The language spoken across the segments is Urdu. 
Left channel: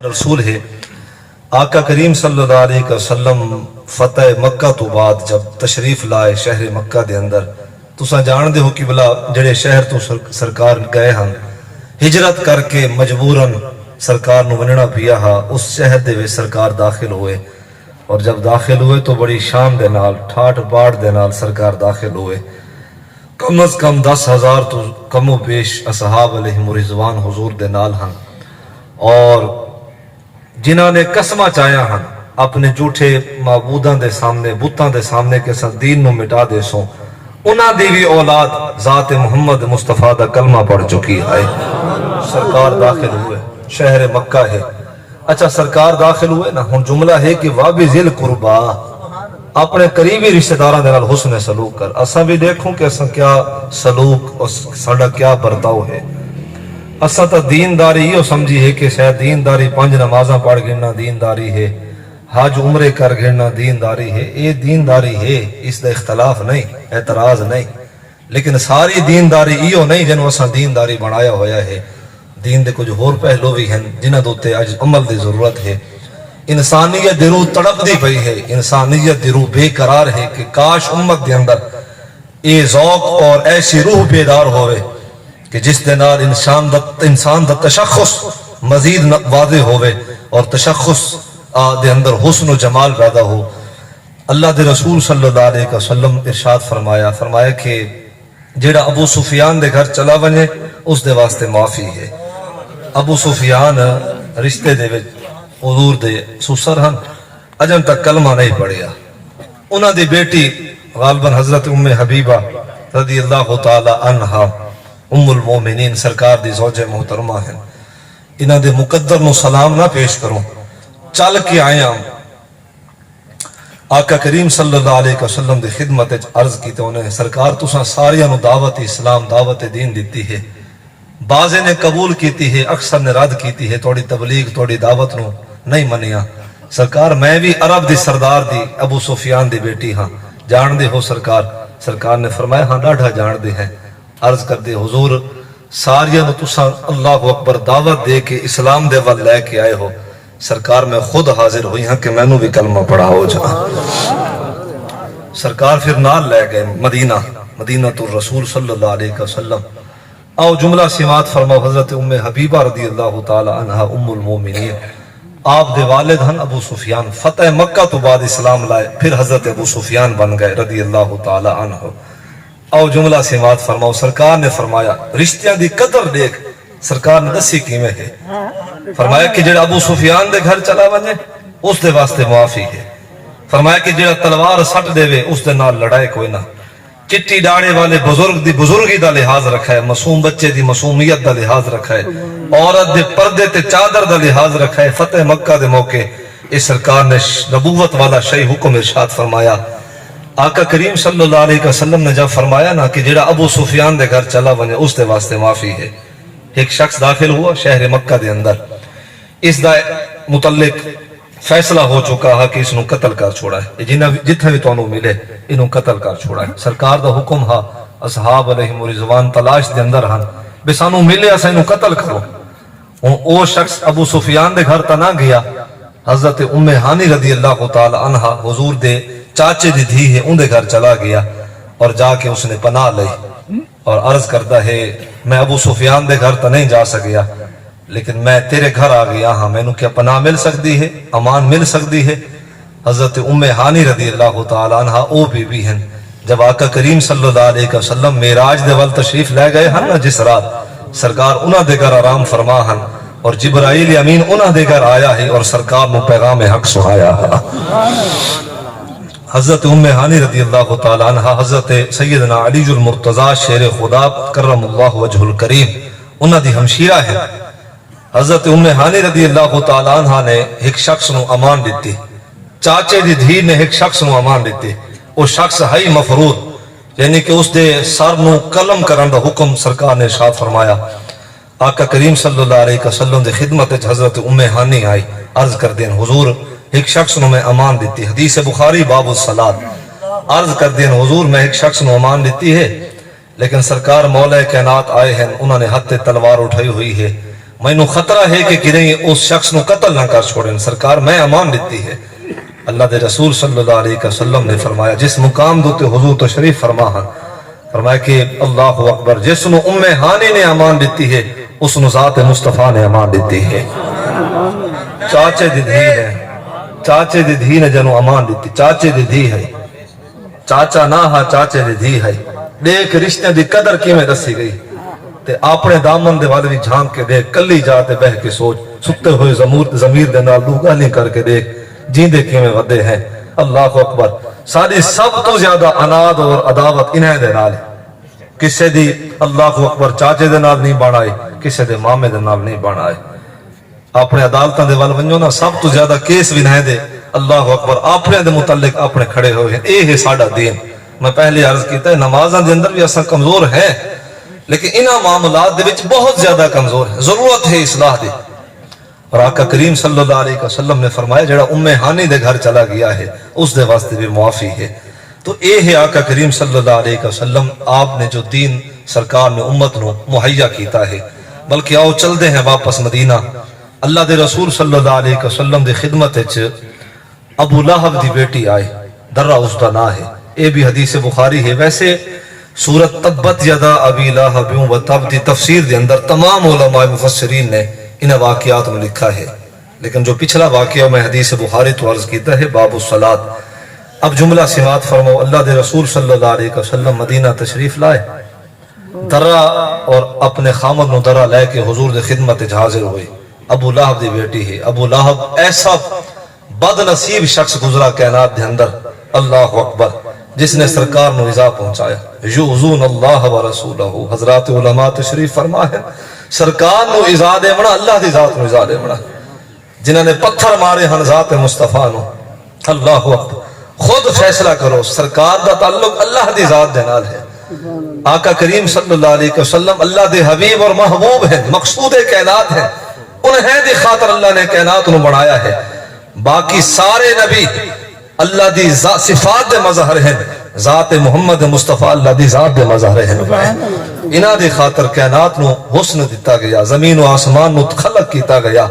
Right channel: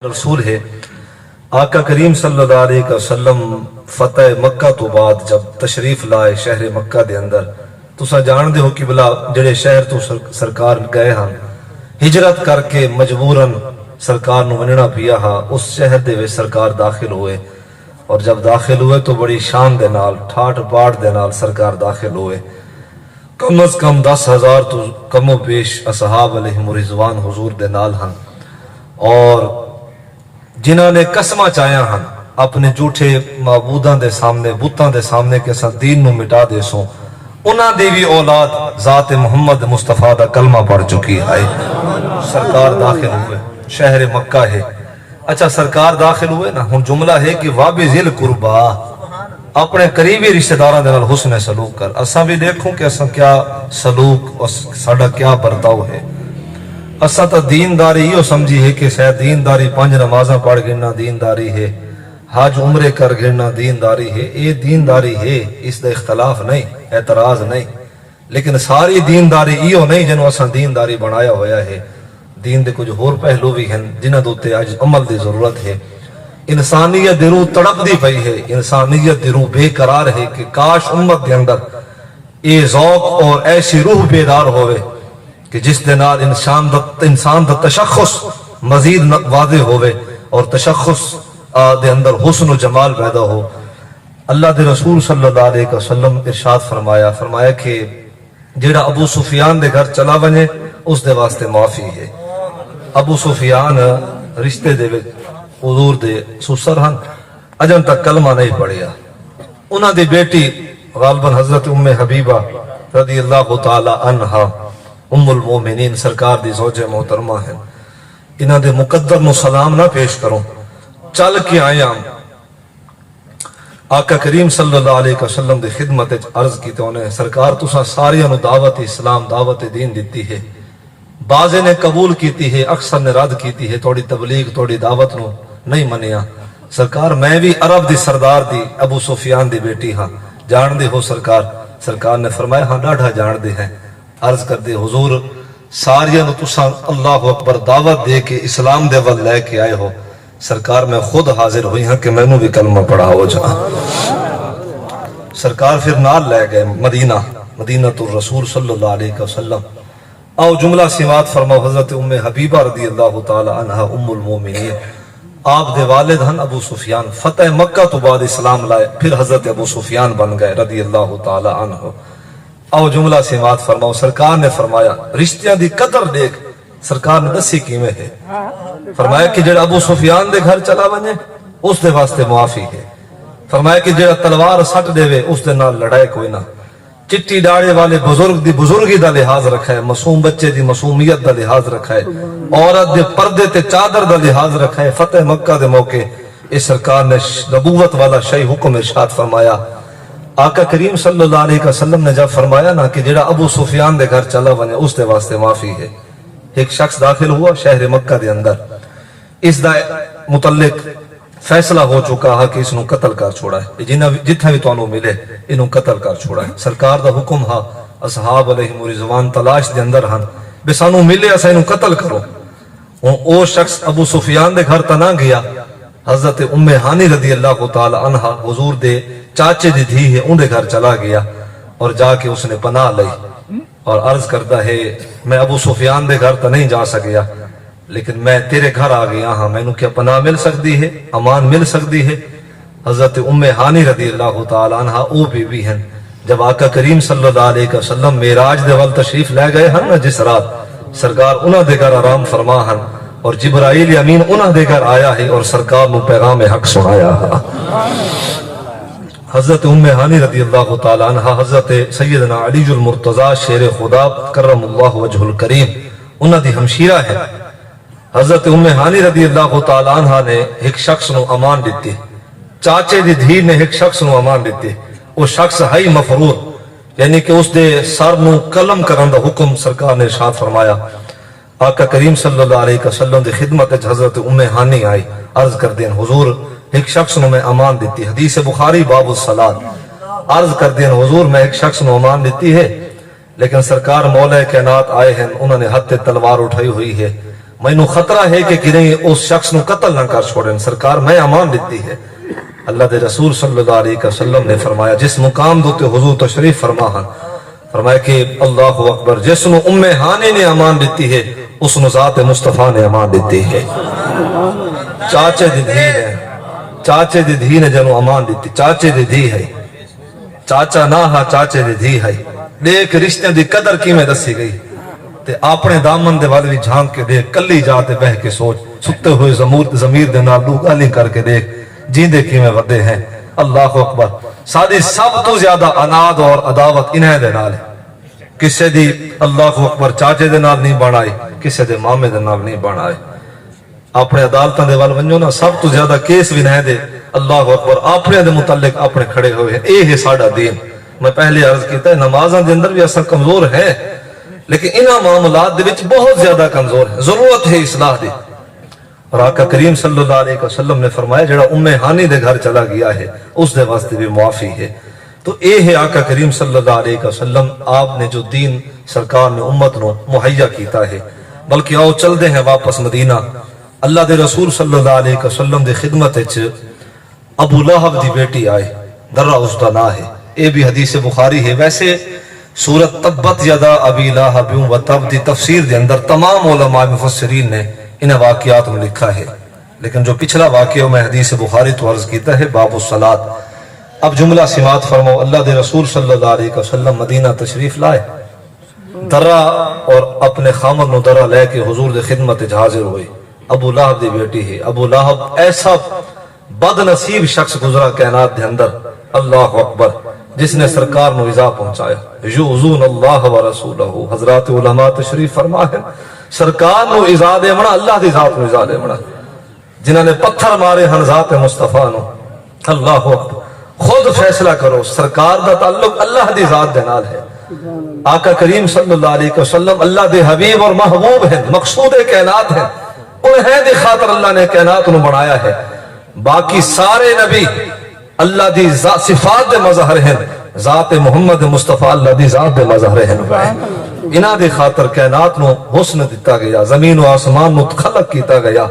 رسول ہے آقا کریم صلی اللہ علیہ وسلم فتح مکہ تو بعد جب تشریف لائے شہر مکہ دے اندر تساں جان دے ہو کہ بلا جڑے شہر تو سرکار گئے ہن ہجرت کر کے مجبوراً سرکار نو وننا پیا ہا اس شہر دے وچ سرکار داخل ہوئے اور جب داخل ہوئے تو بڑی شان دے نال ٹھاٹ باٹ دے نال سرکار داخل ہوئے کم از کم 10,000 تو کم و بیش اصحاب علیہم رضوان حضور دے نال ہن اور جنہاں نے قسمہ چاہیا ہن اپنے جھوٹے معبوداں دے سامنے بتاں دے سامنے کہ سن دین نو مٹا دے سو انہاں دی بھی اولاد ذات محمد مصطفیٰ دا کلمہ پڑھ چکی ہے سرکار داخل ہوئے شہر مکہ ہے اچھا سرکار داخل ہوئے نا ہن جملہ ہے کہ وابی ذل قربا اپنے قریبی رشتہ داراں دے نال حسن سلوک کر اساں بھی دیکھوں کہ اساں کیا سلوک اور ساڈا کیا برتاؤ ہے اساں تا دینداری یہ سمجھی ہے کہ شاید دینداری 5 نمازاں پڑھ گرنا دینداری ہے حج عمرے کر گرنا دینداری ہے یہ دینداری ہے اس دا اختلاف نہیں اعتراض نہیں لیکن ساری دینداری یہ نہیں جنہوں اساں دینداری بنایا ہویا ہے دین دے کچھ اور پہلو بھی ہیں جنہاں دوتے اج عمل دی ضرورت ہے انسانیت دی روح تڑپ دی پئی ہے انسانیت دی روح بے قرار ہے کہ کاش امت دے اندر یہ ذوق اور ایسی روح بیدار ہوئے کہ جس دے نال انسان دا تشخص مزید واضح ہوئے اور تشخص دے اندر حسن و جمال پیدا ہو اللہ دے رسول صلی اللہ علیہ وسلم ارشاد فرمایا کہ جیڑا ابو سفیان دے گھر چلا بنے اس دے واسطے معافی ہے ابو سفیان رشتے دے وچ حضور دے سسر ہن اجن تک کلمہ نہیں پڑھیا انہاں دی بیٹی غالباً حضرت ام حبیبہ رضی اللہ تعالی عنہا ام المومنین سرکار دی زوج محترمہ ہیں انہاں دے مقدر نو سلام نہ پیش کروں چل کے آیا آقا کریم صلی اللہ علیہ وسلم دی خدمت عرض کی تو انہیں سرکار تساں ساریاں نو دعوت اسلام دعوت دین دیتی ہے بعضے نے قبول کیتی ہے اکثر نے رد کیتی ہے توڑی تبلیغ توڑی دعوت نو نہیں منیا سرکار میں بھی عرب دی سردار دی ابو سفیان دی بیٹی ہاں جان دے ہو سرکار نے فرمایا ہاں ڈاڑھا جان دے ہیں عرض کر دے حضور ساریاں نو تساں اللہ اکبر دعوت دے کے اسلام دے ول لے کے آئے ہو سرکار میں خود حاضر ہوئی ہاں کہ میں نو بھی کلمہ پڑھا ہو جا سرکار پھر نال لے گئے مدینہ تو رسول صلی اللہ علیہ وسلم آؤ جملہ سماعت فرماؤ حضرت ام حبیبہ رضی اللہ تعالی عنہ ام المومنین آپ دے والد ہن ابو سفیان فتح مکہ تو بعد اسلام لائے پھر حضرت ابو سفیان بن گئے رضی اللہ تعالی عنہ آؤ جملہ سماعت فرماؤ سرکار نے فرمایا رشتیاں دی قدر دیکھ سرکار نے دسی کیویں ہے فرمایا کہ جڑا ابو سفیان دے گھر چلا بنے اس دے واسطے معافی ہے فرمایا کہ جڑا تلوار سٹ دے وے اس دے نال لڑائی کوئی نہ چٹی ڈاڑے والے بزرگ دی بزرگی دا لحاظ رکھا ہے معصوم بچے دی معصومیت دا لحاظ رکھا ہے عورت دے پردے تے چادر دا لحاظ رکھا ہے فتح مکہ دے موقع اس سرکار نے نبوت والا شیء حکم ارشاد فرمایا آقا کریم صلی اللہ علیہ وسلم نے جب فرمایا نا کہ جڑا ابو سفیان دے گھر چلا بنے اس دے واسطے معافی ہے ایک شخص داخل ہوا شہر مکہ دے اندر اس دا متعلق فیصلہ ہو چکا ہے کہ اس نو قتل کر چھوڑا ہے جتنے بھی تو ملے انہوں قتل کر چھوڑا ہے سرکار دا حکم ہا اصحاب علیہم رضوان تلاش دے اندر ہن بے سانو ملے اسا انہوں قتل کرو او شخص ابو سفیان دے گھر تنا گیا حضرت ام ہانی رضی اللہ تعالی عنہ حضور دے چاچے دی دھی ہے ان دے گھر چلا گیا اور جا کے اس نے پناہ لئی اور عرض کرتا ہے میں ابو سفیان دے گھر تا نہیں جا سکیا لیکن میں تیرے گھر آ گیا ہاں میں نو کیا پناہ مل سکتی ہے امان مل سکتی ہے حضرت ام ہانی رضی اللہ تعالی عنہ او بی ہیں جب آقا کریم صلی اللہ علیہ وسلم معراج دے وال تشریف لے گئے ہن نا جس رات سرکار انہاں دے گھر آرام فرما ہن اور جبرائیل امین انہاں دے گھر آیا ہے اور سرکار نو پیغام حق سنایا حضرت ام ہانی رضی اللہ تعالی عنہ حضرت سیدنا علی المرتضی شیر خدا کرم اللہ وجہ الکریم انہاں دی ہمشیرہ ہے حضرت ام ہانی رضی اللہ تعالی عنہ نے ایک شخص نو امان دیتی چاچے دی دھی نے ایک شخص نو امان دیتی وہ شخص ہے مفروض یعنی کہ اس دے سر نو قلم کرن دا حکم سرکار نے ارشاد فرمایا آقا کریم صلی اللہ علیہ وسلم دی خدمت حضرت ام ہانی آئی عرض کر دین حضور ایک شخص نو میں امان دیتی حدیث بخاری باب الصلاۃ عرض کر دین حضور میں ایک شخص نو امان دیتی ہے لیکن سرکار مولا کائنات آئے ہیں انہوں نے ہتھ تلوار اٹھائی ہوئی ہے مینو خطرہ ہے کہ کہیں اس شخص نو قتل نہ کر چھوڑیں. سرکار میں امان دیتی ہے. اللہ دے رسول صلی اللہ علیہ وسلم نے فرمایا جس مقام دوتے حضور تشریف فرما ہاں فرمایا کہ اللہ اکبر جس نو ام ہانی نے امان دیتی ہے اس نو ذات مصطفیٰ نے امان دیتی ہے. چاچے دی دھی ہے, چاچے دی دھی نے جنو امان دیتی, چاچے دی دھی ہے, چاچا نہ ہا چاچے دی دھی ہے. دیکھ رشتے دی قدر کی میں دسی گئی تے اپنے دامن دے والے بھی جھانک کے دیکھ, کلی جاتے بہ کے سوچ, ستے ہوئے ضمیر دے نال دو گالی کر کے دیکھ جیندے کیویں ودے ہیں. اللہ اکبر. ساری سب تو زیادہ اناد اور عداوت انہیں دے نال, کسے دی اللہ اکبر چاچے دے نال نہیں بنائے, کسے دے مامے دے نال نہیں بنائے. اپنے عدالتاں دے وال ونجو نا, سب تو زیادہ کیس بھی نہ دے اللہ اکبر اپنے دے متعلق اپنے کھڑے ہوئے ہیں. اے ہے ساڈا دین. میں پہلے عرض کیتا ہے نمازاں دے اندر بھی اساں کمزور ہیں, لیکن انہاں معاملات دے وچ بہت زیادہ کمزور ہیں, ضرورت ہے اصلاح دی. اور آقا کریم صلی اللہ علیہ وسلم نے فرمایا جڑا ام ہانی دے گھر چلا گیا ہے اس دے واسطے بھی معافی ہے. تو اے ہے آقا کریم صلی اللہ علیہ وسلم آپ نے جو دین سرکار نے امت نو مہیا کیتا ہے. بلکہ آؤ چل دے ہیں واپس مدینہ. اللہ دے رسول صلی اللہ علیہ وسلم دے خدمت وچ ابو لہب دی بیٹی آئے, درہ اس دا نام ہے. اے بھی حدیث بخاری ہے. ویسے سورت تبت یدا ابی لہب و تب دی تفسیر دے اندر تمام علماء مفسرین نے ان واقعات میں لکھا ہے, لیکن جو پچھلا واقعہ میں حدیث بخاری تو عرض کیتا ہے باب الصلاۃ. اب جملہ سماعت فرماؤ. اللہ دے رسول صلی اللہ علیہ وسلم مدینہ تشریف لائے, درہ اور اپنے خامد نو درہ لے کے حضور دے خدمت حاضر ہوئے. ابو لہب دی بیٹی ہے. ابو لہب ایسا بد نصیب شخص گزرا کائنات دے اندر اللہ اکبر, جس نے سرکار نو ایذا پہنچایا. یؤذون اللہ و رسولہ, حضرات علماء تشریف فرما ہے سرکار نو ایذا دے منا اللہ دی ذات نو ایذا دے منا, جنہاں نے پتھر مارے ہن ذات مصطفیٰ نو. اللہ اکبر. خود فیصلہ کرو, سرکار دا تعلق اللہ دی ذات دے نال ہے. آقا کریم صلی اللہ علیہ وسلم اللہ دے حبیب اور محبوب ہیں, مقصود کائنات ہیں. انہیں دی خاطر اللہ نے کائنات نو بنایا ہے. باقی سارے نبی اللہ دی صفات دے مظہر ہیں, ذات محمد مصطفیٰ اللہ دی ذات دے مظہر ہیں. انہاں دی خاطر کائنات نو حسن دیتا گیا, زمین و آسمان نو خلق کیتا گیا,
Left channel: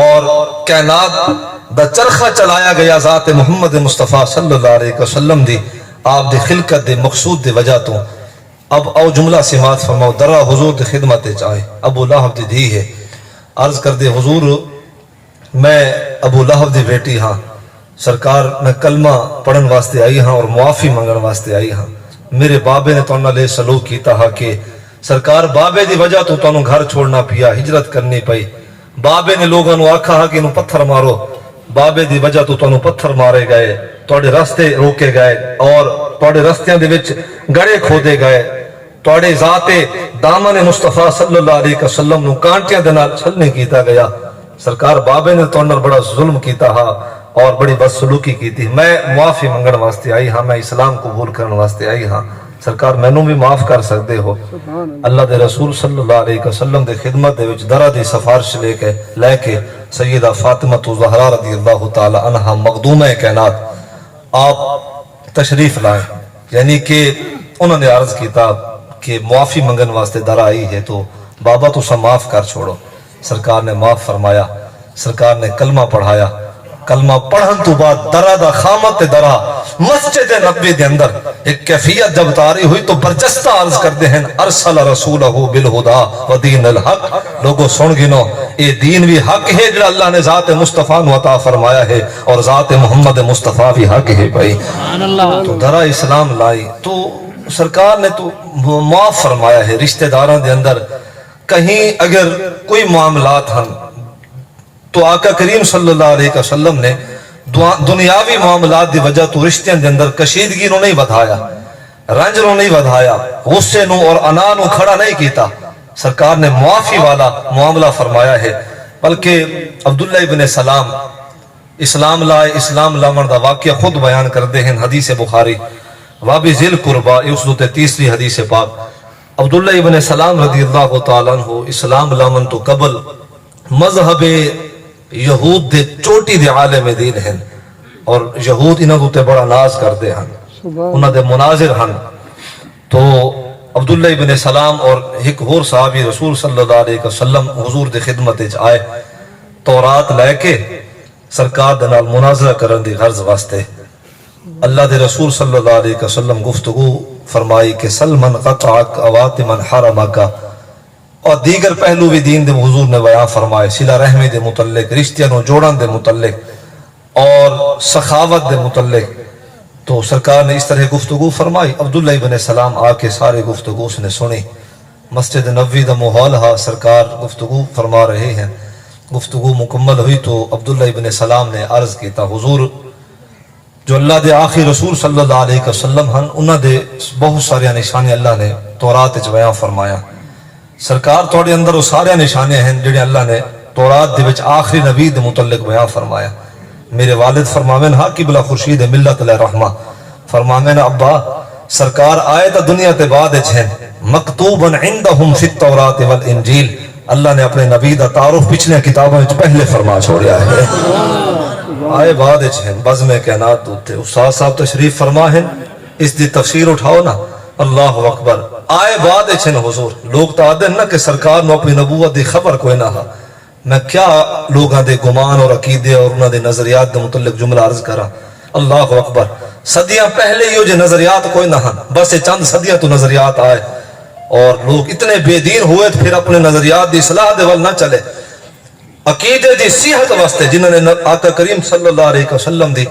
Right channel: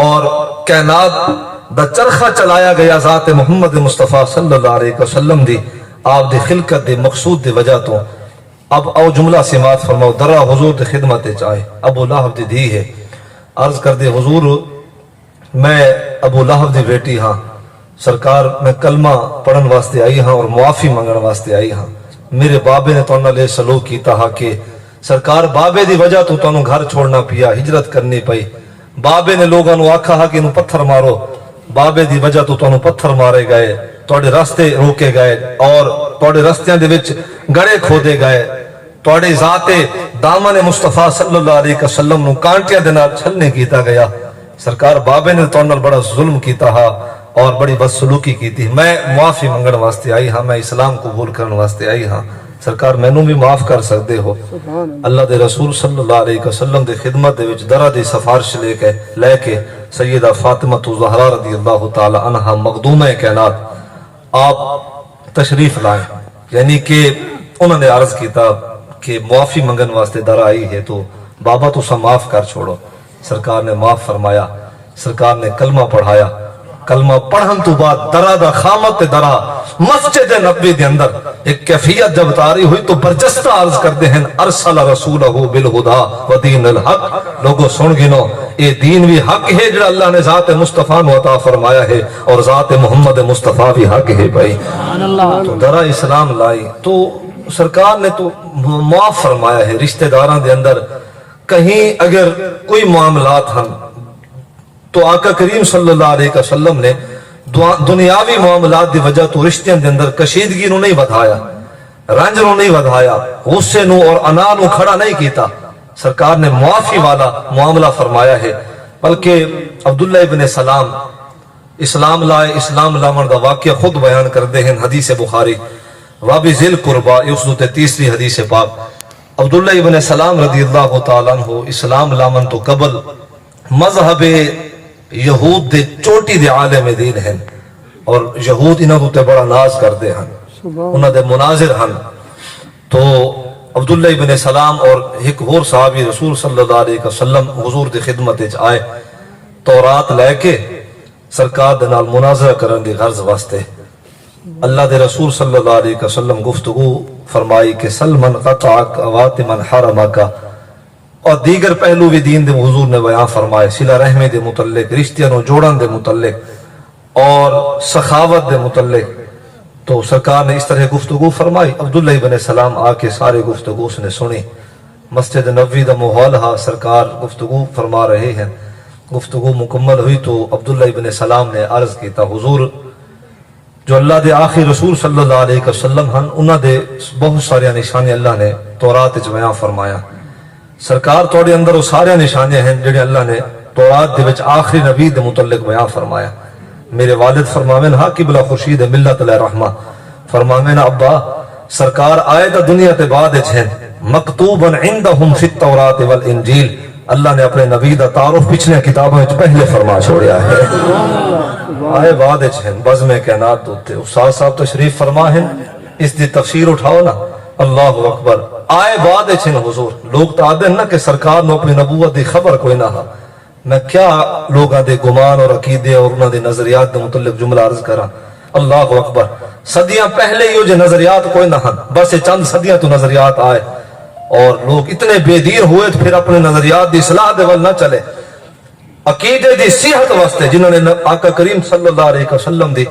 اور کائنات دا چرخہ چلایا گیا ذات محمد مصطفیٰ صلی اللہ علیہ وسلم دی آپ دی خلقت دے مقصود دی وجہ تو. اب او جملہ سماعت فرماؤ. درہ حضور دی خدمت چاہے ابو لہب دی دھی ہے. عرض کر دے حضور میں ابو لہب دی بیٹی ہاں, سرکار میں کلمہ پڑھن واسطے آئی ہاں اور معافی منگن واسطے آئی ہاں. میرے بابے نے تو انہاں لے سلوک کیتا ہاں کہ سرکار بابے دی وجہ تو تانوں گھر چھوڑنا پیا, ہجرت کرنی پئی. بابے نے لوگاں نو آکھا ہاں کہ انہوں پتھر مارو, بابے دی وجہ تو تانوں پتھر مارے گئے, تواڈے راستے روکے گئے اور تواڈے راستیاں دے وچ گڑے کھودے گئے, تواڈے ذات دامن مصطفیٰ صلی اللہ علیہ وسلم نو کانٹیاں دے نال چھلنے کیتا گیا. سرکار بابے نے تواڈے نال بڑا ظلم کیتا ہا اور بڑی بدسلوکی کی تھی. میں معافی منگن واسطے آئی ہاں, میں اسلام قبول کرنے واسطے آئی ہاں. سرکار مینوں بھی معاف کر سکتے ہو. اللہ دے رسول صلی اللہ علیہ وسلم دے خدمت دے وچ درہ دی سفارش لے کے سیدہ فاطمہ زہرا رضی اللہ تعالی عنہا مخدومہ کائنات آپ تشریف لائیں. یعنی کہ انہوں نے عرض کیتا کہ معافی منگن واسطے درہ آئی ہے تو بابا تو سا معاف کر چھوڑو. سرکار نے معاف فرمایا, سرکار نے کلمہ پڑھایا. کلمہ پڑھن تو بعد درہ دا خامت درہ مسجد نبی دے اندر ایک کیفیت جب تاری ہوئی تو برجستہ عرض کرتے ہیں ارسل رسولہ بالہدا و دین الحق. لوگوں سن گنو, یہ دین بھی حق ہے جو اللہ نے ذات مصطفیٰ نو عطا فرمایا ہے, اور ذات محمد مصطفیٰ بھی حق ہے. بھائی تو درہ اسلام لائی تو سرکار نے تو معاف فرمایا ہے. رشتہ داران دے اندر کہیں اگر کوئی معاملات ہن تو آقا کریم صلی اللہ علیہ وسلم نے دنیاوی معاملات دی وجہ تو رشتیاں دے اندر کشیدگی نو نہیں ودھایا, رنج نو نہیں ودھایا, غصے نو اور انا نو کھڑا نہیں کیتا. سرکار نے معافی والا معاملہ فرمایا ہے. بلکہ عبداللہ ابن سلام اسلام لائے, اسلام لاون دا واقعہ خود بیان کرتے ہیں حدیث بخاری وابی ذل قربا, اس دو تیسری حدیث پاک. عبداللہ ابن سلام رضی اللہ تعالیٰ عنہ اسلام لاون تو قبل مذہب یہود دے چوٹی دے عالم دین ہیں, اور یہود انہاں تے بڑا ناز کرتے ہیں, انہاں دے مناظر ہیں. تو عبداللہ ابن سلام اور ایک اور صحابی رسول صلی اللہ علیہ وسلم حضور دی خدمت وچ آئے تورات لے کے سرکار دے نال مناظرہ کرن دی غرض واسطے. اللہ دے رسول صلی اللہ علیہ وسلم گفتگو فرمائی کہ سلمن قطعک اواتمن حرمک، اور دیگر پہلو بھی دین دے حضور نے بیان فرمائے، صلہ رحمی دے متعلق، رشتیاں نو جوڑن دے متعلق اور سخاوت دے متعلق. تو سرکار نے اس طرح گفتگو فرمائی. عبداللہ ابن سلام آ کے سارے گفتگو اس نے سنی. مسجد نبوی دا ماحول ہا، سرکار گفتگو فرما رہے ہیں. گفتگو مکمل ہوئی تو عبداللہ ابن سلام نے عرض کیتا، حضور جو اللہ دے آخری رسول صلی اللہ علیہ وسلم ہن، انہاں دے بہت سارے نشانے اللہ نے تورات وچ بیان فرمایا. سرکار تھوڑے اندر وہ سارے نشانے ہیں جڑے اللہ نے تورات دے وچ آخری نبی دے متعلق بیان فرمایا. میرے والد فرماویں ہا قبلہ خورشید ملت علیہ رحمہ فرماویں ابا سرکار آئے تا دنیا تے بعد وچ ہیں مکتوبن عندہم فی التورات والانجیل. اللہ نے اپنے نبی دا تعارف پچھلے کتابوں وچ پہلے فرما چھوڑیا ہے. آئے بعد وچ ہیں بزم کائنات ہوتے. استاد صاحب تشریف فرما ہیں، اس دی تفسیر اٹھاؤ نا. اللہ اکبر. آئے بعد وچ ہیں حضور. لوگ تو آدھے نا کہ سرکار نے اپنی نبوت دی خبر کوئی نہ ہا. میں کیا لوگاں دے گمان اور عقیدے اور انہاں دے نظریات دے متعلق جملہ عرض کرا. اللہ اکبر. صدیاں پہلے ہی جو نظریات کوئی نہ ہن، بس چند صدیاں تو نظریات آئے اور لوگ اتنے بے دین ہوئے تو پھر اپنے نظریات دی اصلاح دے ول نہ چلے. عقیدے دی صحت واسطے جنہوں نے آقا کریم صلی اللہ علیہ وسلم دی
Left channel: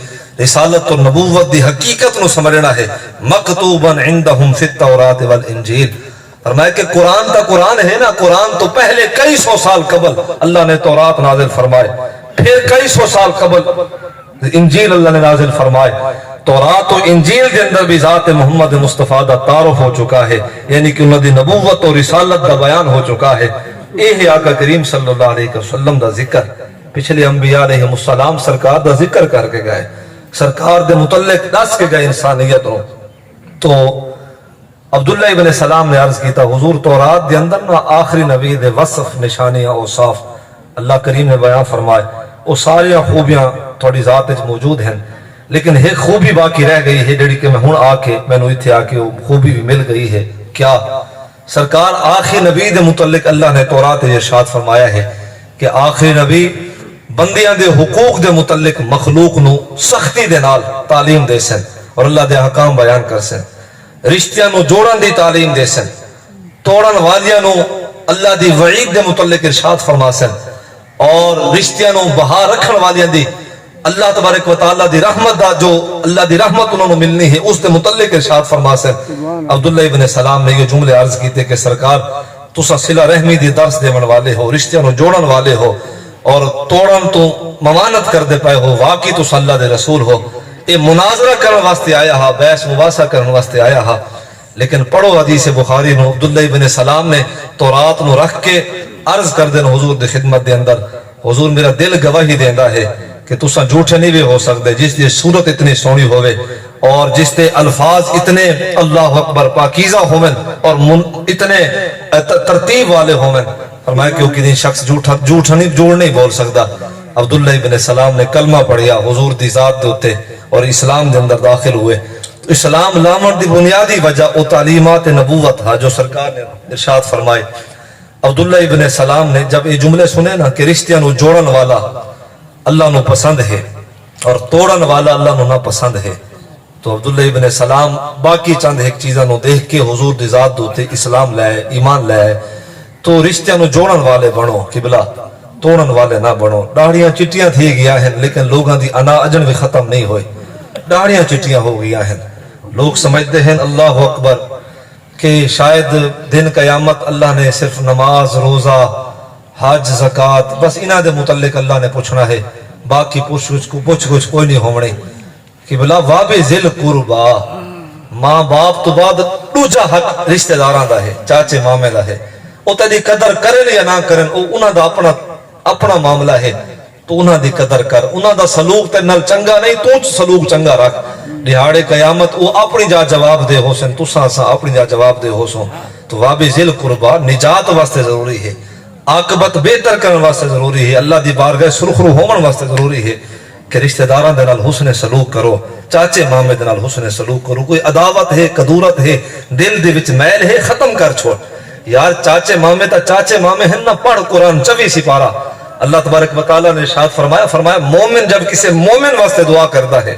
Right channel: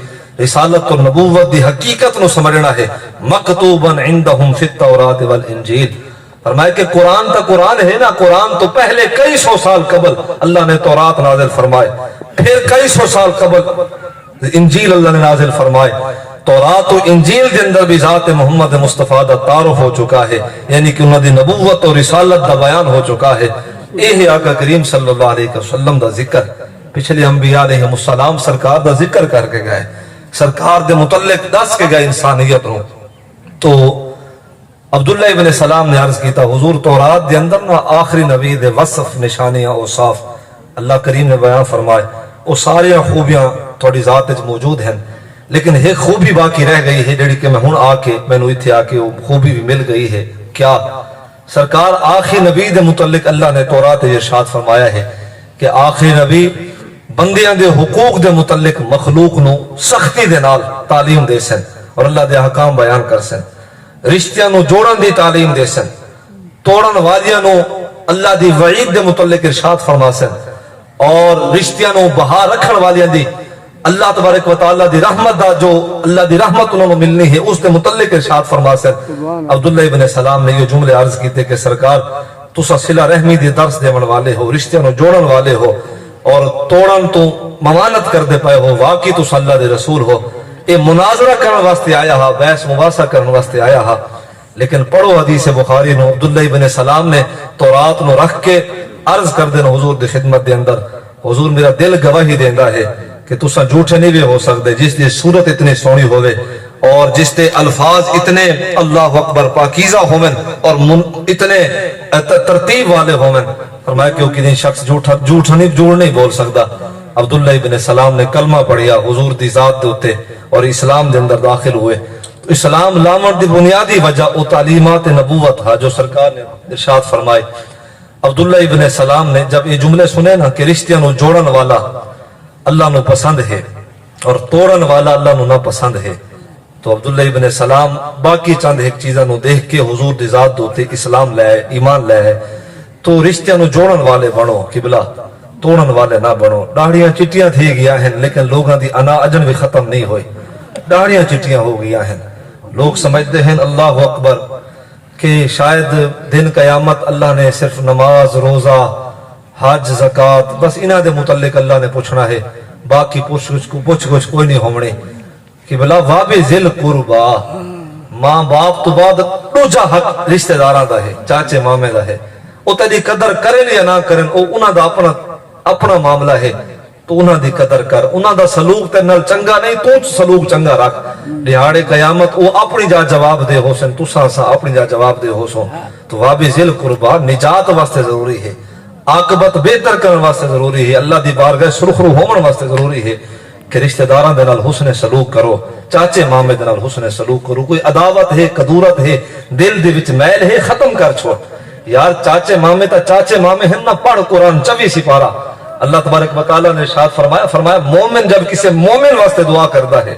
رسالت اور نبوت دی حقیقت نو سمجھنا ہے. مکتوبن عندہم فی التورات والانجیل. فرمایا کہ قرآن تا قرآن ہے نا، قرآن تو پہلے کئی سو سال قبل اللہ نے تورات نازل فرمائے، پھر کئی سو سال قبل انجیل اللہ نے نازل فرمائے. تورات و انجیل کے اندر بھی ذات محمد مصطفیٰ دا تعارف ہو چکا ہے، یعنی کہ انہوں دی نبوت اور رسالت دا بیان ہو چکا ہے. یہ آقا کریم صلی اللہ علیہ وسلم دا ذکر پچھلے انبیاء علیہ السلام سرکار دا ذکر کر کے گئے، سرکار دے متعلق دس کے گئے انسانیت نو. تو عبداللہ ابن سلام نے عرض کیتا، حضور تورات دے اندر نا آخری نبی دے وصف نشانیاں اوصاف اللہ کریم نے بیان فرمائے. وہ ساری خوبیاں تھوڑی ذات وچ موجود ہیں، لیکن ایک خوبی باقی رہ گئی ہے جڑی کہ میں ہن آ کے مینوں ایتھے آ کے وہ خوبی بھی مل گئی ہے. کیا؟ سرکار آخری نبی دے متعلق اللہ نے تورات میں ارشاد فرمایا ہے کہ آخری نبی بندیاں دے حقوق دے متعلق مخلوق نو سختی دے نال تعلیم دے سن اور اللہ دے احکام بیان کر سن. رشتیاں نو جوڑن دی تعلیم دے سن، توڑن والیاں نو اللہ دی وعید دے متعلق ارشاد فرما سن، اور رشتیاں نو بہا رکھن والیاں دی اللہ تبارک و تعالی دی رحمت دا جو اللہ دی رحمت انہوں نے ملنی ہے اس دے متعلق ارشاد فرما سن. عبداللہ ابن سلام نے یہ جملے عرض کیتے کہ سرکار تسا صلہ رحمی دی درس دیون والے ہو، رشتیاں نو جوڑن والے ہو اور توڑن تو ممانت کر دے پائے ہو، واقعی تسا اللہ دے رسول ہو. یہ مناظرہ کرنے واسطے آیا ہا، بحث مباحثہ کرنے واسطے آیا ہا. لیکن پڑھو حدیث بخاری نو، عبداللہ ابن سلام نے تورات نو رکھ کے عرض کر دین حضور دی خدمت دے اندر، حضور میرا دل گواہی دیندا ہے کہ تسا جھوٹے نہیں بھی ہو سکتے. جس دی صورت اتنی سونی ہوئے اور جس دے الفاظ اتنے اللہ اکبر پاکیزہ ہومن اور اتنے ترتیب والے ہومن، فرمایا کہ وہ کسی شخص جھوٹ نہیں بول سکتا. عبداللہ ابن سلام نے کلمہ پڑھیا حضور دی ذات دے اتے اور اسلام دے اندر داخل ہوئے. تو اسلام لامن دی بنیادی وجہ او تعلیمات نبوت تھا جو سرکار نے ارشاد فرمائے. عبداللہ ابن سلام نے جب یہ جملے سنے نا کہ رشتیاں نو جوڑن والا اللہ نو پسند ہے اور توڑن والا اللہ نو نہ پسند ہے، تو عبداللہ ابن سلام باقی چند ایک چیزاں نو دیکھ کے حضور دی ذات دوتے اسلام لائے، ایمان لائے. تو رشتیاں نو جوڑن والے بنو، قبلہ توڑن والے نہ بنو. داڑیاں چٹیاں تھی گیا ہیں لیکن لوگاں دی انا اجن بھی ختم نہیں ہوئی، داڑیاں چٹیاں ہو گیا ہیں. لوگ سمجھتے ہیں اللہ اکبر کہ شاید دن قیامت اللہ نے صرف نماز، روزہ، حج، زکات بس انہاں دے متعلق اللہ نے پوچھنا ہے، باقی پوچھ گچھ کوئی نہیں ہونی. کہ بلا واب ذل قربا، ماں باپ تو بعد دوجا حق رشتہ داراں دا ہے، چاچے مامے دا ہے. او تیری قدر کرن یا نہ کرن او انہاں دا اپنا معاملہ ہے. تو انہاں دی قدر کر، انہاں دا سلوک تے نال چنگا نہیں تو سلوک چنگا رکھ. دیہاڑے قیامت او اپنی جا جواب دے ہو سن، تساں اپنی جا جواب دے ہو سو. تو واب ذل قربا نجات واسطے ضروری ہے، عاقبت بہتر کرنے واسطے ضروری ہے، اللہ دی بارگاہ سرخرو ہومن واسطے ضروری ہے. کہ رشتہ داراں دے نال حسن سلوک کرو، چاچے مامے دے نال حسن سلوک کرو، کوئی عداوت ہے، کدورت ہے، دل دے وچ میل ہے، ختم کر چھوڑ یار۔ چاچے مامے ہیں نہ، پڑھ قرآن 24 سپارہ۔ اللہ تبارک و تعالیٰ نے ارشاد فرمایا مومن جب کسی مومن واسطے دعا کرتا ہے،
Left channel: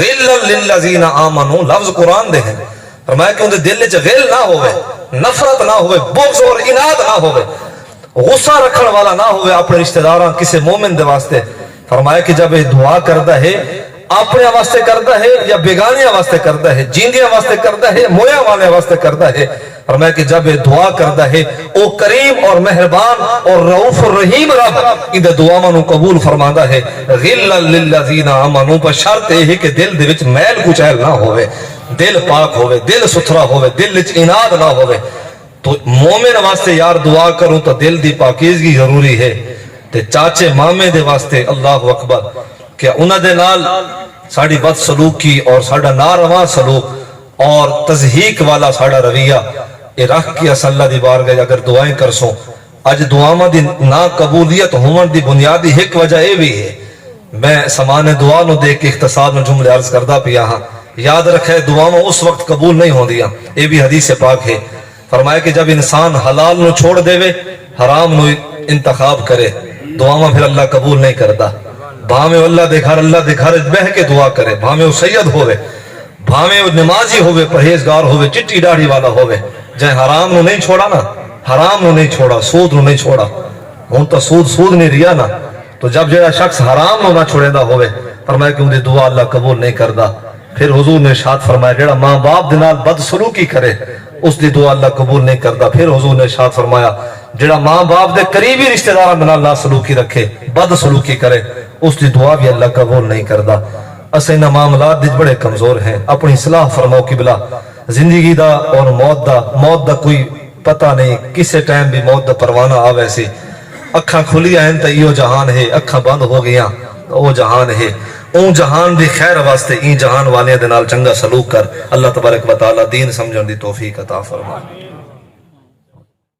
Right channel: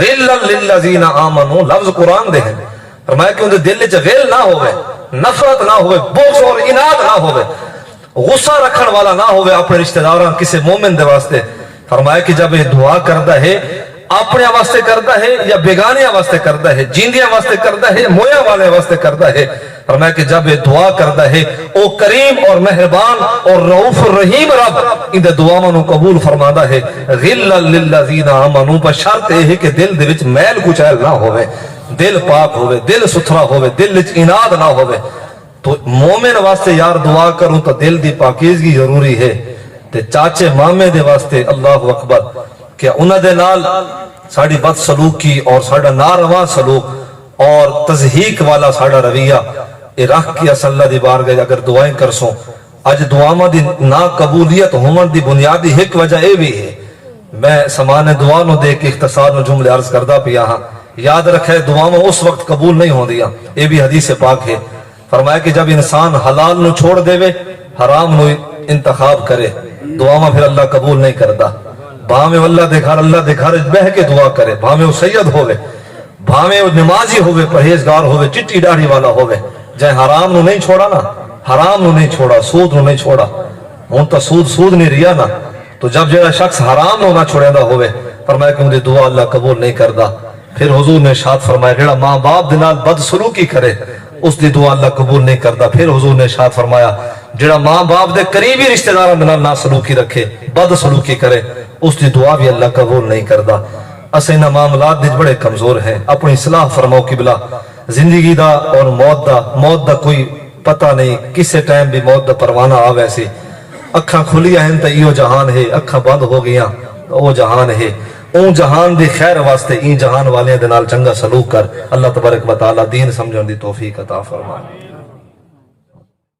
غل للذین آمنوا، لفظ قرآن دے ہیں، فرمایا کہ اندے دل وچ غل نہ ہوئے، نفرت نہ ہوئے، بغض اور اناد نہ ہوئے، غصہ رکھن والا نہ ہوئے اپنے رشتہ داراں کسی مومن دے واسطے۔ فرمایا کہ جب یہ دعا کرتا ہے، اپنے واسطے کرتا ہے یا بیگانیاں واسطے کرتا ہے، جیندیاں واسطے کرتا ہے، مویا والے واسطے کرتا ہے، فرمایا کہ جب یہ دعا کرتا ہے او کریم اور مہربان اور رؤوف الرحیم رب ان دعاواں نو قبول فرماندا ہے۔ غل للذین آمنوا، پر شرط یہ ہے کہ دل دے وچ میل کچیل نہ ہوئے، دل پاک ہوئے، دل ستھرا ہوئے، دل وچ اناد نہ ہوئے۔ تو مومن واسطے یار دعا کروں تو دل دی پاکیزگی ضروری ہے، تے چاچے مامے دے واسطے اللہ اکبر کہ انہاں دے نال ساڑی بد سلوکی اور ساڑا ناروا سلوک اور تضحیق والا ساڑا رویہ اے رکھ کے اللہ دی بارگاہ اگر دعائیں کرسوں۔ اج دعاواں دی ناقبولیت ہون دی بنیادی ایک وجہ اے بھی ہے، میں سامان دعا نو دے کے اختصار نو جملے عرض کردا پیا ہاں، یاد رکھے دعاواں اس وقت قبول نہیں ہوندیاں، اے بھی حدیث پاک ہے۔ فرمایا کہ جب انسان حلال نو چھوڑ دے وے، حرام نو انتخاب کرے، دعاواں پھر اللہ قبول نہیں کردا۔ بھاویں اللہ دے گھر بہ کے دعا کرے، بھاویں وہ سید ہوئے، بھاویں وہ نمازی ہوئے، پرہیزگار ہوئے، چٹی داڑھی والا ہوئے، جائے حرام نو نہیں چھوڑا نا، حرام نو نہیں چھوڑا، سود نو نہیں چھوڑا، ہن تو سود نہیں ریا نا، تو جب جڑا شخص حرام نو نہ چھوڑیندا ہوئے، فرمایا کہ اندی دعا اللہ قبول نہیں کردا۔ پھر حضور نے ارشاد فرمایا جڑا ماں باپ دے نال بد سلوکی کرے اس دی دعا اللہ قبول نہیں کردا۔ پھر حضور نے ارشاد فرمایا جڑا ماں باپ دے قریبی رشتہ داراں دے نال سلوکی رکھے، بد سلوکی کرے، اس دی دعا بھی اللہ قبول نہیں کردا۔ اسے انہاں معاملات وچ بڑے کمزور ہیں، اپنی اصلاح فرماؤ قبلہ۔ زندگی دا اور موت دا کوئی پتہ نہیں، کسے ٹائم بھی موت دا پروانہ آوے سی۔ اکھاں کھلی ہیں تے ایو جہان ہے، اکھاں بند ہو گیاں او جہان ہے۔ اون جہان دی خیر واسطے این جہان والیاں دے نال چنگا سلوک کر۔ اللہ تبارک و تعالی دین سمجھن دی توفیق عطا فرمائے۔